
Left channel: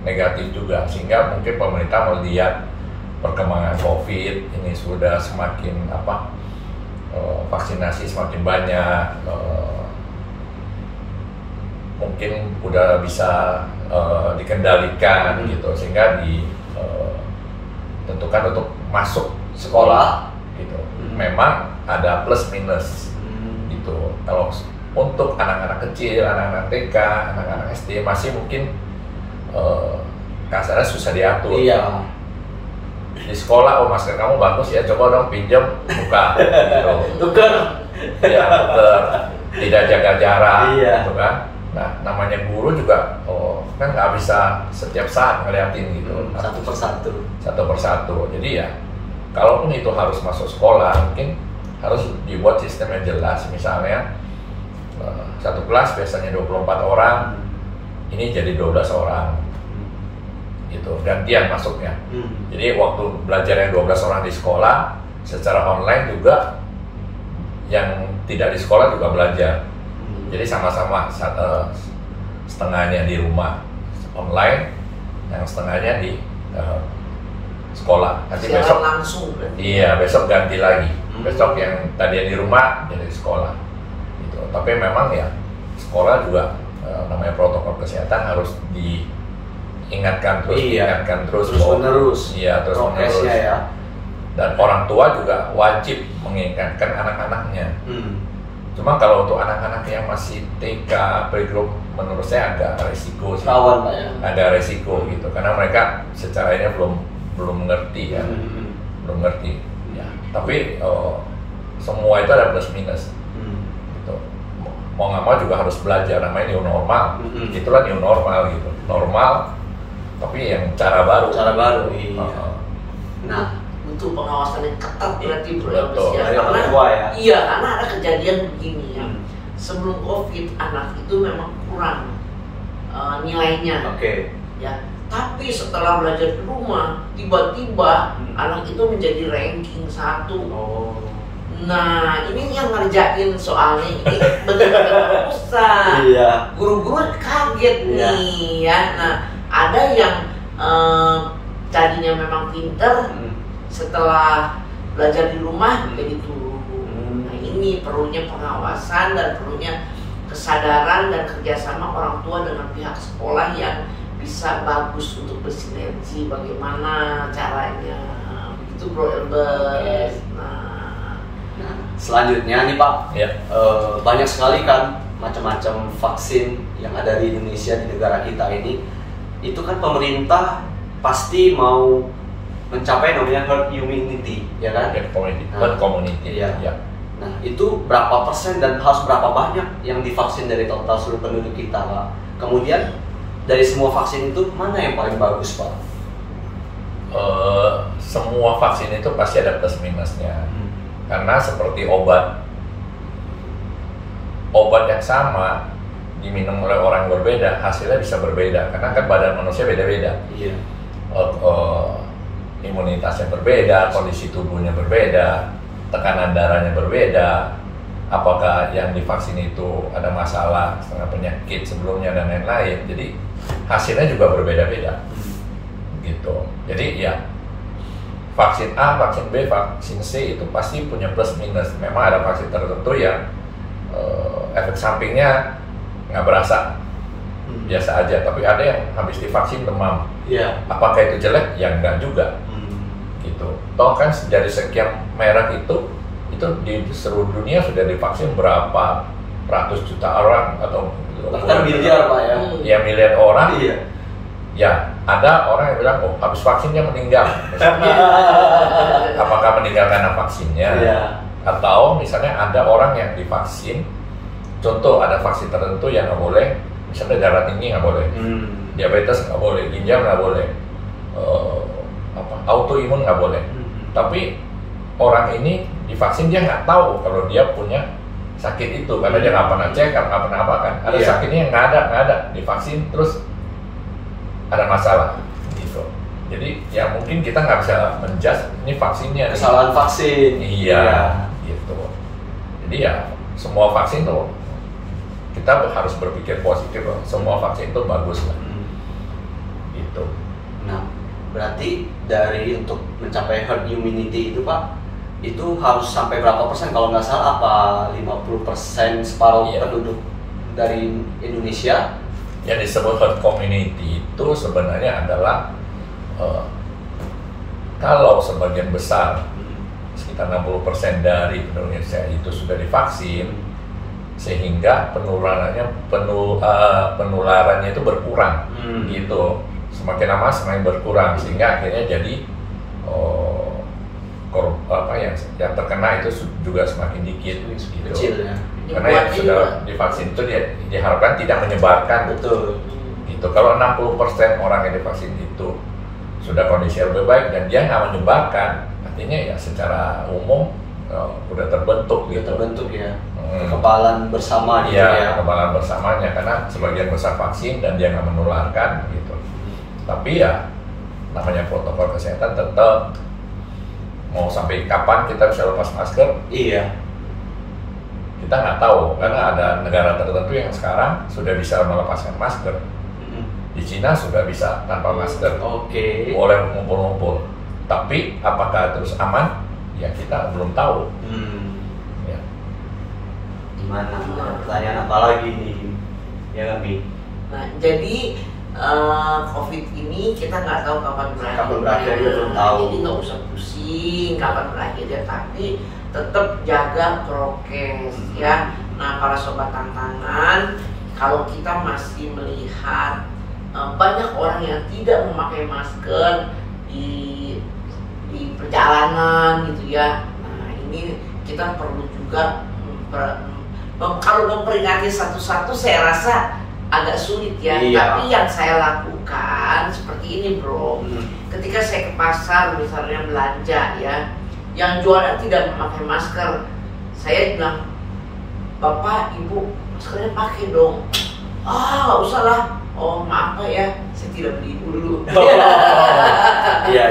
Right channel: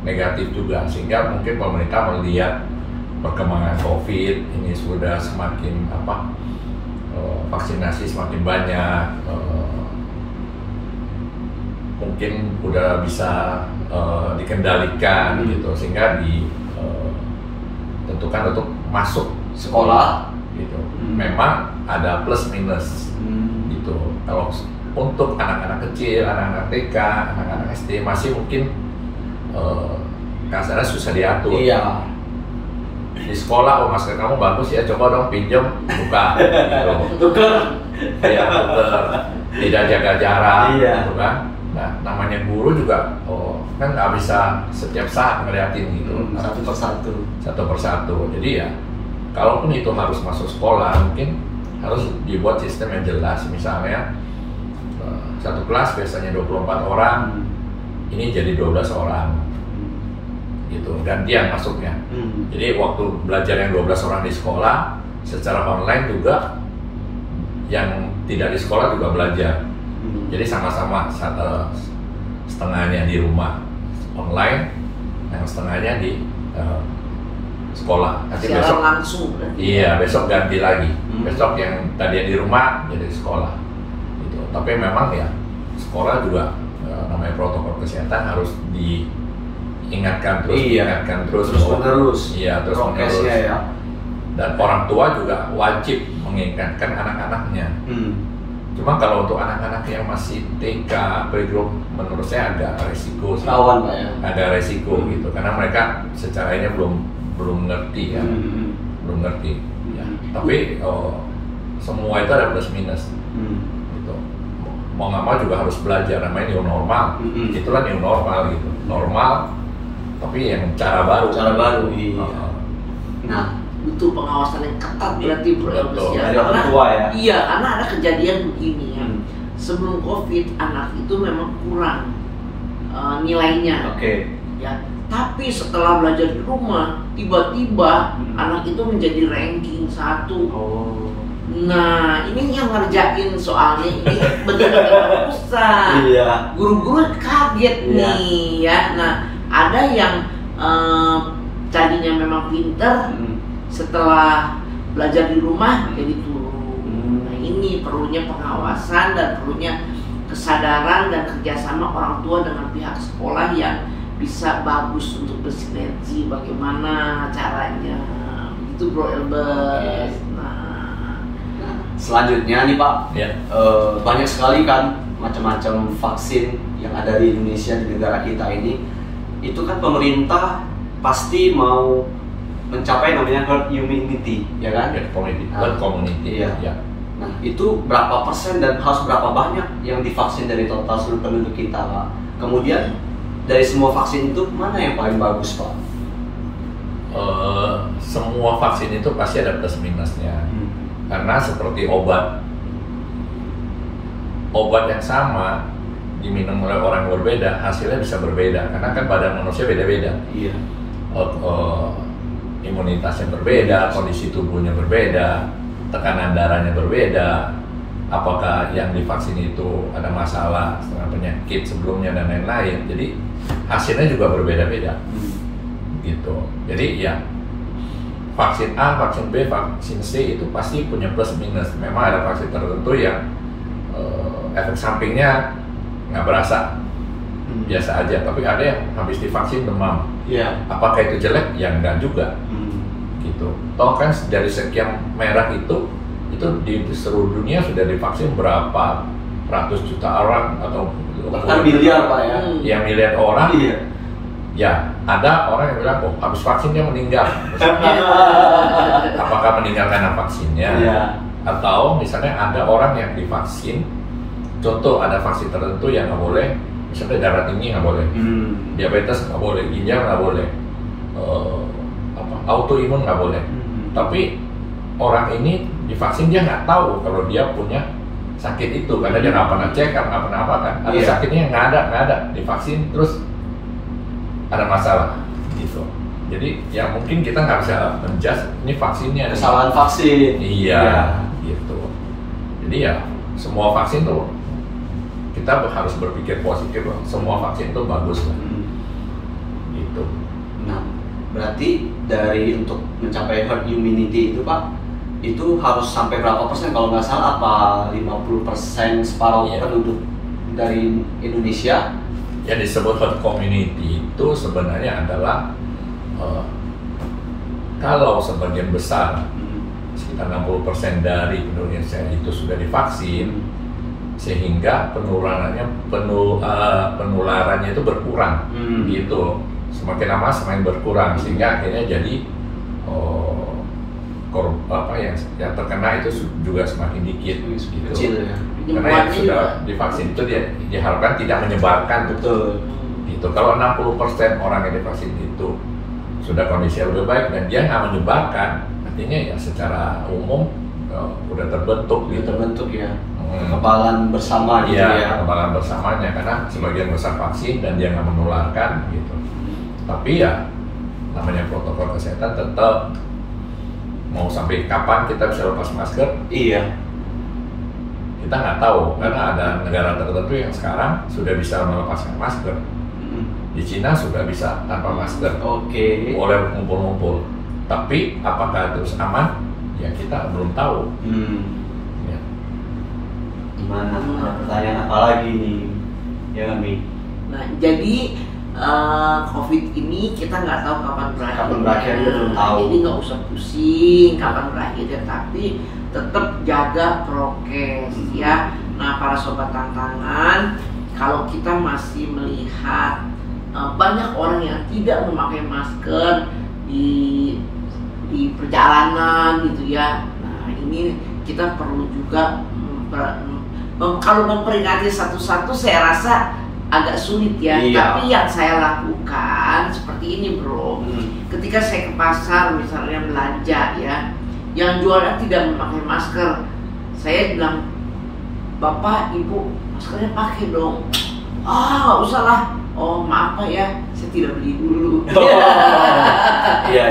negatif juga, sehingga mungkin pemerintah melihat perkembangan COVID ini sudah semakin vaksinasi semakin banyak, mungkin udah bisa dikendalikan gitu, sehingga ditentukan untuk masuk sekolah gitu. Memang ada plus minus gitu. Kalau untuk anak-anak kecil, anak-anak TK, anak-anak SD masih mungkin kasarnya susah diatur. Iya. Di sekolah, masker kamu bagus ya, coba dong pinjam, buka gitu. Tuker. Ya, tuker. Tidak jaga jarak, Iya. gitu kan. Nah, namanya guru juga, kan nggak bisa setiap saat ngeliatin gitu. Satu persatu. Jadi ya, kalaupun itu harus masuk sekolah, mungkin harus dibuat sistem yang jelas. Misalnya, satu kelas biasanya 24 orang, ini jadi 12 orang. Gitu, gantian masuknya. Jadi waktu belajar yang 12 orang di sekolah, secara online juga yang tidak di sekolah juga belajar. Jadi sama-sama setengahnya di rumah online, yang setengahnya di sekolah. Nanti besok langsung. Iya, besok ganti lagi. Besok yang tadi di rumah jadi sekolah. Gitu. Tapi memang ya sekolah juga namanya protokol kesehatan harus diingatkan terus menerus. Iya, terus menerus. Ya. Dan orang tua juga wajib mengingatkan anak-anaknya. Cuma kalau untuk anak-anak yang masih TK, playgroup, menurut saya agak resiko. Rawan, Pak ya. Agak resiko gitu, karena mereka secara ini belum ngerti ya, belum ngerti. Ya. Tapi semua itu ada plus minus. Gitu. Mau nggak mau juga harus belajar, namanya new normal. Itulah new normal gitu, normal. Tapi yang cara baru. Iya. Nah, butuh pengawasan yang ketat berarti Bro Betul. ya. Dari orang tua ya. Iya, karena ada kejadian begini ya. Sebelum COVID anak itu memang kurang nilainya. Oke. Ya, tapi setelah belajar di rumah, tiba-tiba anak itu menjadi ranking 1. Nah, ini yang ngerjain soalnya ini benar-benar susah. Iya. Guru-guru kaget Iya. nih ya. Nah, ada yang tadinya memang pinter, setelah belajar di rumah jadi turun. Nah, ini perlunya pengawasan dan perlunya kesadaran dan kerjasama orang tua dengan pihak sekolah yang bisa bagus untuk bersinergi. Bagaimana caranya? Itu Bro Elbert. Selanjutnya nih Pak, Ya. banyak sekali kan macam-macam vaksin yang ada di Indonesia, di negara kita ini. Itu kan pemerintah pasti mau mencapai namanya herd immunity, ya kan? Dari community. Nah, Community. iya. Ya. Nah, itu berapa persen dan harus berapa banyak yang divaksin dari total seluruh penduduk kita, Pak? Kemudian dari semua vaksin itu mana yang paling bagus, Pak? Semua vaksin itu pasti ada plus minusnya. Karena seperti obat yang sama diminum oleh orang yang berbeda, hasilnya bisa berbeda. Karena kan badan manusia beda-beda. Iya. Imunitasnya berbeda, kondisi tubuhnya berbeda, tekanan darahnya berbeda. Apakah yang divaksin itu ada masalah dengan penyakit sebelumnya dan lain-lain. Jadi hasilnya juga berbeda-beda. Gitu. Jadi ya, vaksin A, vaksin B, vaksin C itu pasti punya plus minus. Memang ada vaksin tertentu yang efek sampingnya nggak berasa, biasa aja. Tapi ada yang habis divaksin demam. Iya. Apakah itu jelek? Ya enggak juga. Gitu. Toh kan dari sekian merek itu di seluruh dunia sudah divaksin berapa ratus juta orang atau Bahkan miliar, Pak ya. Ya miliar orang. Iya. Ya, ada orang yang bilang, oh habis vaksinnya meninggal. Apakah meninggal karena vaksinnya? Iya. Atau misalnya ada orang yang divaksin, contoh ada vaksin tertentu yang nggak boleh, misalnya darah tinggi nggak boleh, diabetes nggak boleh, ginjal nggak boleh, autoimun nggak boleh. Tapi orang ini divaksin dia nggak tahu kalau dia punya sakit itu karena dia nggak pernah cek, nggak pernah apa kan. Ada Iya. sakitnya yang nggak ada, divaksin terus ada masalah gitu. Jadi ya mungkin kita nggak bisa menjudge ini vaksinnya Kesalahan vaksin. iya gitu. Jadi ya semua vaksin tuh kita harus berpikir positif loh. Semua vaksin itu bagus lah. Gitu. Nah, berarti dari untuk mencapai herd immunity itu Pak, itu harus sampai berapa persen? Kalau nggak salah apa 50% separuh Iya. penduduk dari Indonesia? Yang disebut herd community itu sebenarnya adalah kalau sebagian besar sekitar 60% dari Indonesia itu sudah divaksin, sehingga penularannya itu berkurang gitu. Semakin lama semakin berkurang sehingga akhirnya jadi yang terkena itu juga semakin dikit gitu. Kecil ya. Karena yang sudah divaksin itu diharapkan tidak menyebarkan. Betul. Gitu. Kalau 60% orang yang divaksin itu sudah kondisi lebih baik dan dia nggak menyebarkan, artinya ya secara umum udah terbentuk gitu. Terbentuk ya. Kekebalan bersama gitu ya. Kekebalan bersamanya karena sebagian besar vaksin dan dia nggak menularkan gitu. Tapi ya namanya protokol kesehatan tetap, mau sampai kapan kita bisa lepas masker? Iya. Kita nggak tahu karena ada negara tertentu yang sekarang sudah bisa melepaskan masker. Di Cina sudah bisa tanpa masker. Oke. Boleh kumpul-kumpul. Tapi apakah terus aman? Ya kita belum tahu. Ya. Gimana? Ada pertanyaan apa lagi nih? Ya kan, Bi? Nah, jadi COVID ini kita nggak tahu kapan berakhir. Kapan berakhir kita belum tahu. Jadi nggak usah pusing kapan berakhirnya, tapi tetap jaga prokes ya. Nah, para sobat tantangan, kalau kita masih melihat banyak orang yang tidak memakai masker di perjalanan gitu ya. Nah, ini kita perlu juga kalau memperingati satu-satu saya rasa agak sulit ya. Iya. Tapi yang saya lakukan seperti ini, Bro. Ketika saya ke pasar misalnya belanja ya, yang jualan tidak memakai masker, saya bilang, Bapak, Ibu, maskernya pakai dong. Ah, nggak usah lah, oh maaf Pak ya, saya tidak beli dulu. Iya.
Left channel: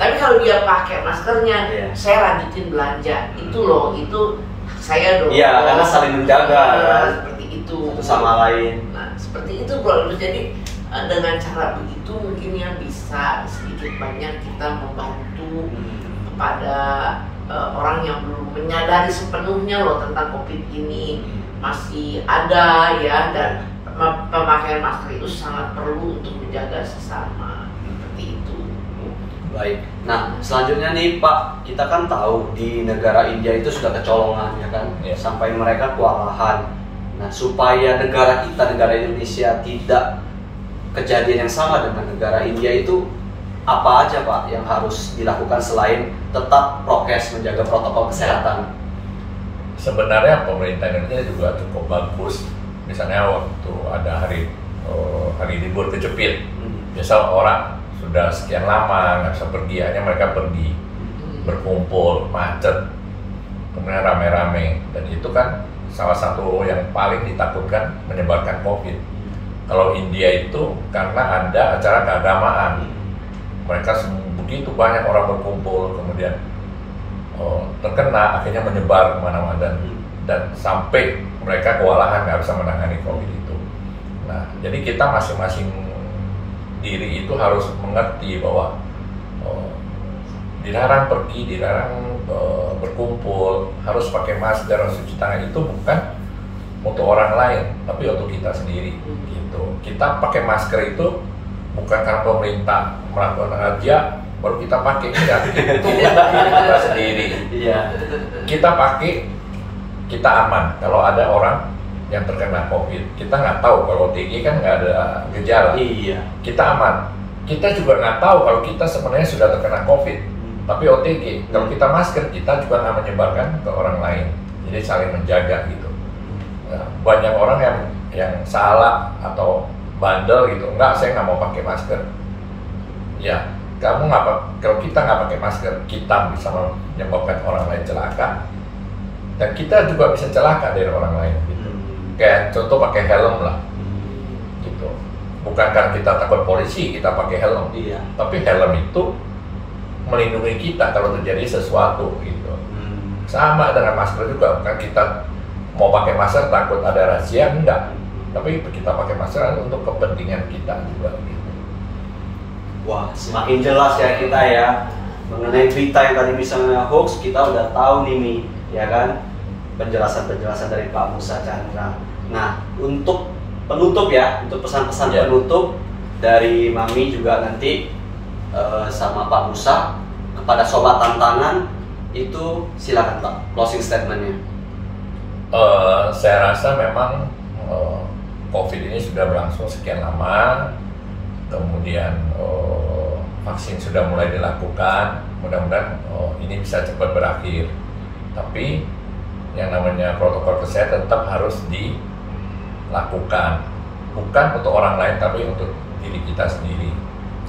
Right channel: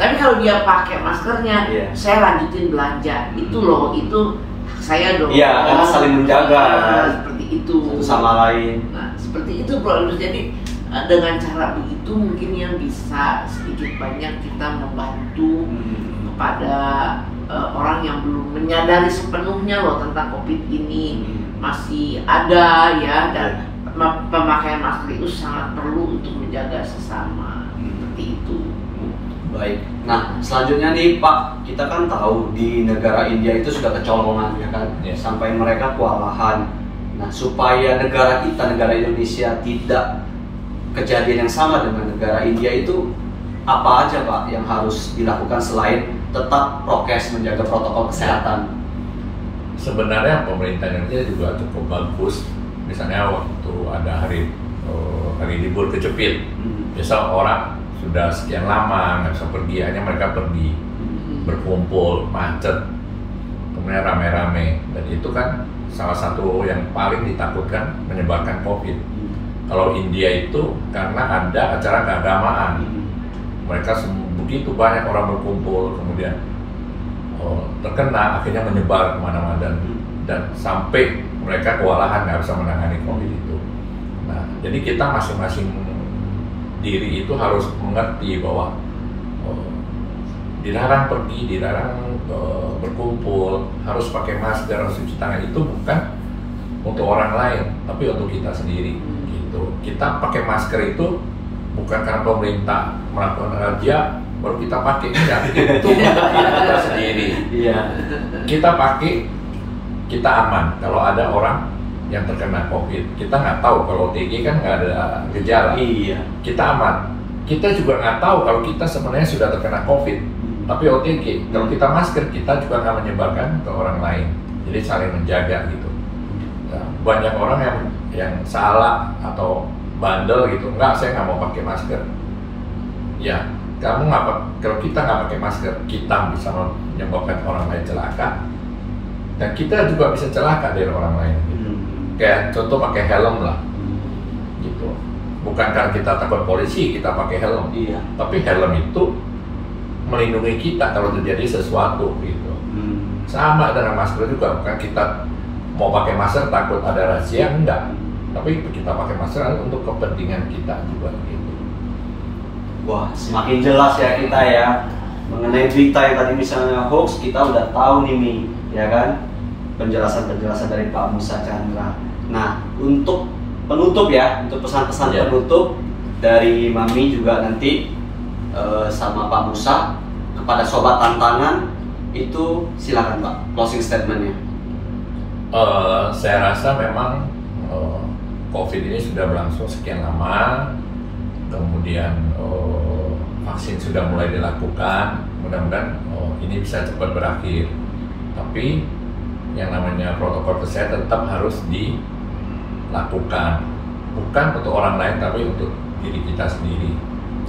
Tapi kalau dia pakai maskernya, Iya. saya lanjutin belanja. Itu loh, itu saya dong. Iya, karena saling menjaga. Seperti itu. Satu sama lain. Nah, seperti itu bro. Jadi dengan cara begitu mungkin yang bisa sedikit banyak kita membantu kepada orang yang belum menyadari sepenuhnya loh tentang COVID ini masih ada ya, dan pemakaian masker itu sangat perlu untuk menjaga sesama seperti itu. Baik. Nah, selanjutnya nih Pak, kita kan tahu di negara India itu sudah kecolongan ya kan, sampai mereka kewalahan. Nah, supaya negara kita, negara Indonesia tidak kejadian yang sama dengan negara India itu, apa aja Pak yang harus dilakukan selain tetap prokes, menjaga protokol kesehatan? Sebenarnya pemerintah Indonesia juga cukup bagus. Misalnya waktu ada hari libur Kejepit, biasa orang sudah sekian lama nggak bisa pergi, akhirnya mereka pergi berkumpul, macet, kemudian rame-rame, dan itu kan salah satu yang paling ditakutkan menyebarkan COVID. Kalau India itu karena ada acara keagamaan, mereka begitu banyak orang berkumpul, kemudian terkena, akhirnya menyebar kemana-mana, dan sampai mereka kewalahan nggak bisa menangani COVID itu. Nah, jadi kita masing-masing diri itu harus mengerti bahwa dilarang pergi, dilarang berkumpul, harus pakai masker, harus cuci tangan, itu bukan untuk orang lain, tapi untuk kita sendiri. Gitu. Kita pakai masker itu bukan karena pemerintah melakukan razia baru kita pakai, itu diri kita sendiri. Kita pakai, kita aman. Kalau ada orang yang terkena COVID, kita nggak tahu, kalau OTG kan nggak ada gejala, kita aman. Kita juga nggak tahu kalau kita sebenarnya sudah terkena COVID, tapi OTG. Kalau kita masker, kita juga nggak menyebarkan ke orang lain. Jadi saling menjaga gitu. Nah, banyak orang yang salah atau bandel gitu, enggak, saya nggak mau pakai masker. Ya, kamu nggak, kalau kita nggak pakai masker, kita bisa menyebabkan orang lain celaka, dan kita juga bisa celaka dari orang lain. Gitu. Kayak contoh pakai helm lah, gitu. Bukan karena kita takut polisi kita pakai helm, tapi helm itu melindungi kita kalau terjadi sesuatu gitu. Sama dengan masker juga, bukan kita mau pakai masker takut ada razia, enggak. Tapi kita pakai masker untuk kepentingan kita juga gitu. Wah, semakin jelas ya kita ya mengenai berita yang tadi misalnya hoax, kita udah tahu nih Mi, ya kan, penjelasan-penjelasan dari Pak Musa Chandra. Nah, untuk penutup ya, untuk pesan-pesan penutup dari Mami juga nanti sama Pak Musa kepada Sobat Tantangan itu silakan Pak, closing statementnya. Saya rasa memang COVID ini sudah berlangsung sekian lama, kemudian vaksin sudah mulai dilakukan, mudah-mudahan ini bisa cepat berakhir. Tapi yang namanya protokol kesehatan tetap harus dilakukan, bukan untuk orang lain tapi untuk diri kita sendiri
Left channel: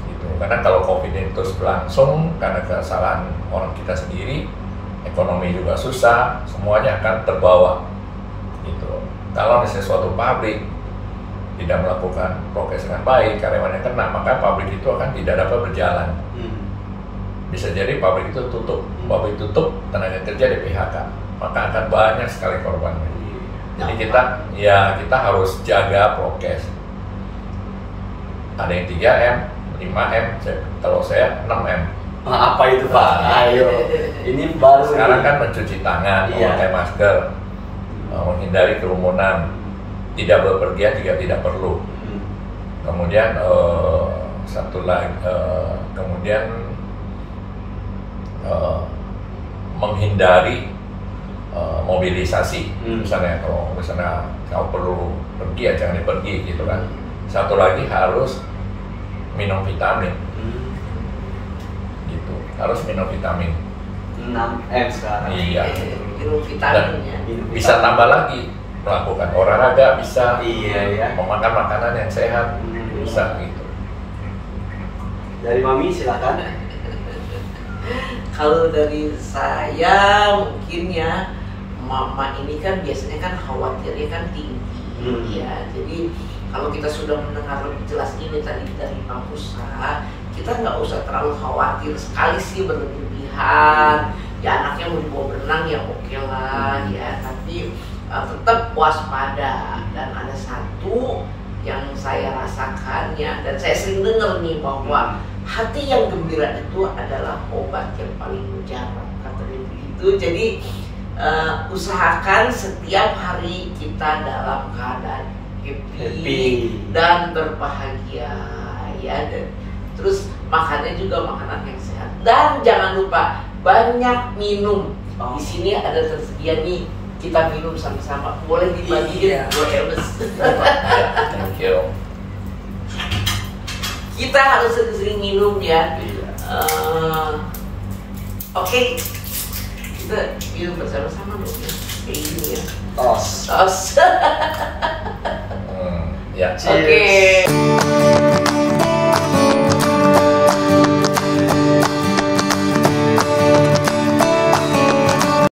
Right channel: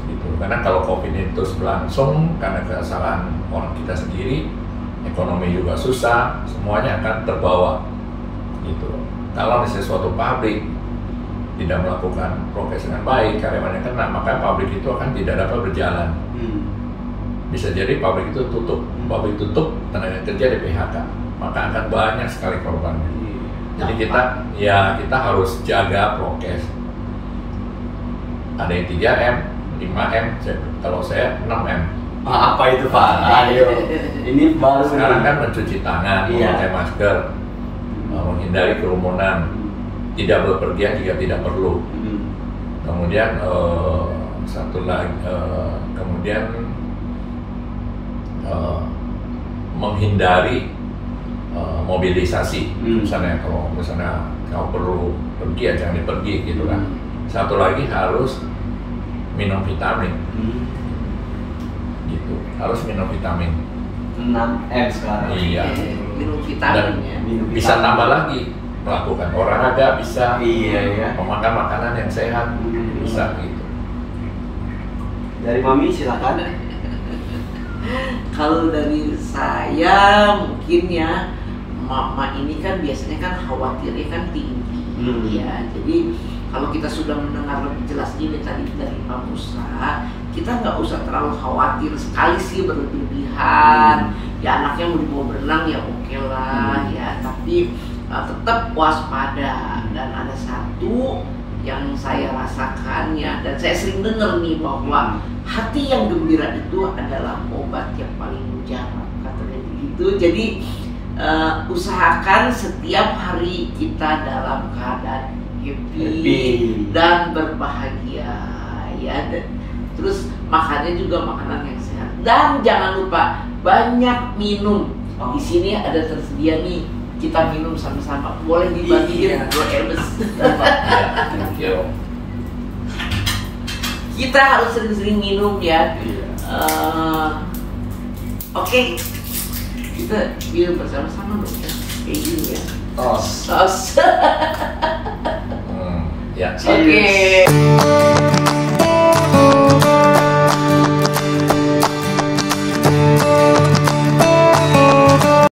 gitu. Karena kalau COVID ini terus berlangsung karena kesalahan orang kita sendiri, ekonomi juga susah, semuanya akan terbawa gitu. Kalau misalnya suatu pabrik tidak melakukan prokes dengan baik, karyawannya kena, maka pabrik itu akan tidak dapat berjalan. Bisa jadi pabrik itu tutup, tenaga kerja di PHK, maka akan banyak sekali korbannya. Jadi kita harus jaga prokes. Ada yang 3M, 5M, kalau saya 6M. Apa itu Pak? Ayo, ini baru. Sekarang kan mencuci tangan, memakai masker, menghindari kerumunan, tidak berpergian jika tidak perlu. Kemudian satu lagi, kemudian menghindari mobilisasi. Misalnya kalau kau perlu pergi ya jangan pergi gitu kan. Satu lagi harus minum vitamin. Gitu, harus minum vitamin. 6M sekarang. Iya. Minum vitamin. Bisa tambah lagi, melakukan olahraga bisa, memakan makanan yang sehat bisa gitu. Dari Mami silakan. Kalau dari saya mungkin mama ini kan biasanya kan khawatirnya kan tinggi ya. Jadi Kalau kita sudah mendengar lebih jelas ini tadi dari Pak Musa, kita nggak usah terlalu khawatir sekali sih berlebihan. Ya anaknya mau dibawa berenang ya oke lah ya, tapi tetap waspada. Dan ada satu yang saya rasakan ya, dan saya sering dengar nih bahwa hati yang gembira itu adalah obat yang paling mujarab, katanya begitu. Jadi usahakan setiap hari kita dalam keadaan happy dan berbahagia ya. Terus makannya juga makanan yang sehat dan jangan lupa banyak minum. Di sini ada tersedia nih, kita minum sama-sama. Boleh dibagiin buat Ebes. Thank you. Kita harus sering-sering minum ya. Oke. Kita minum bersama-sama dong ya. Kayak gini ya. Tos. Tos. Ya. Oke.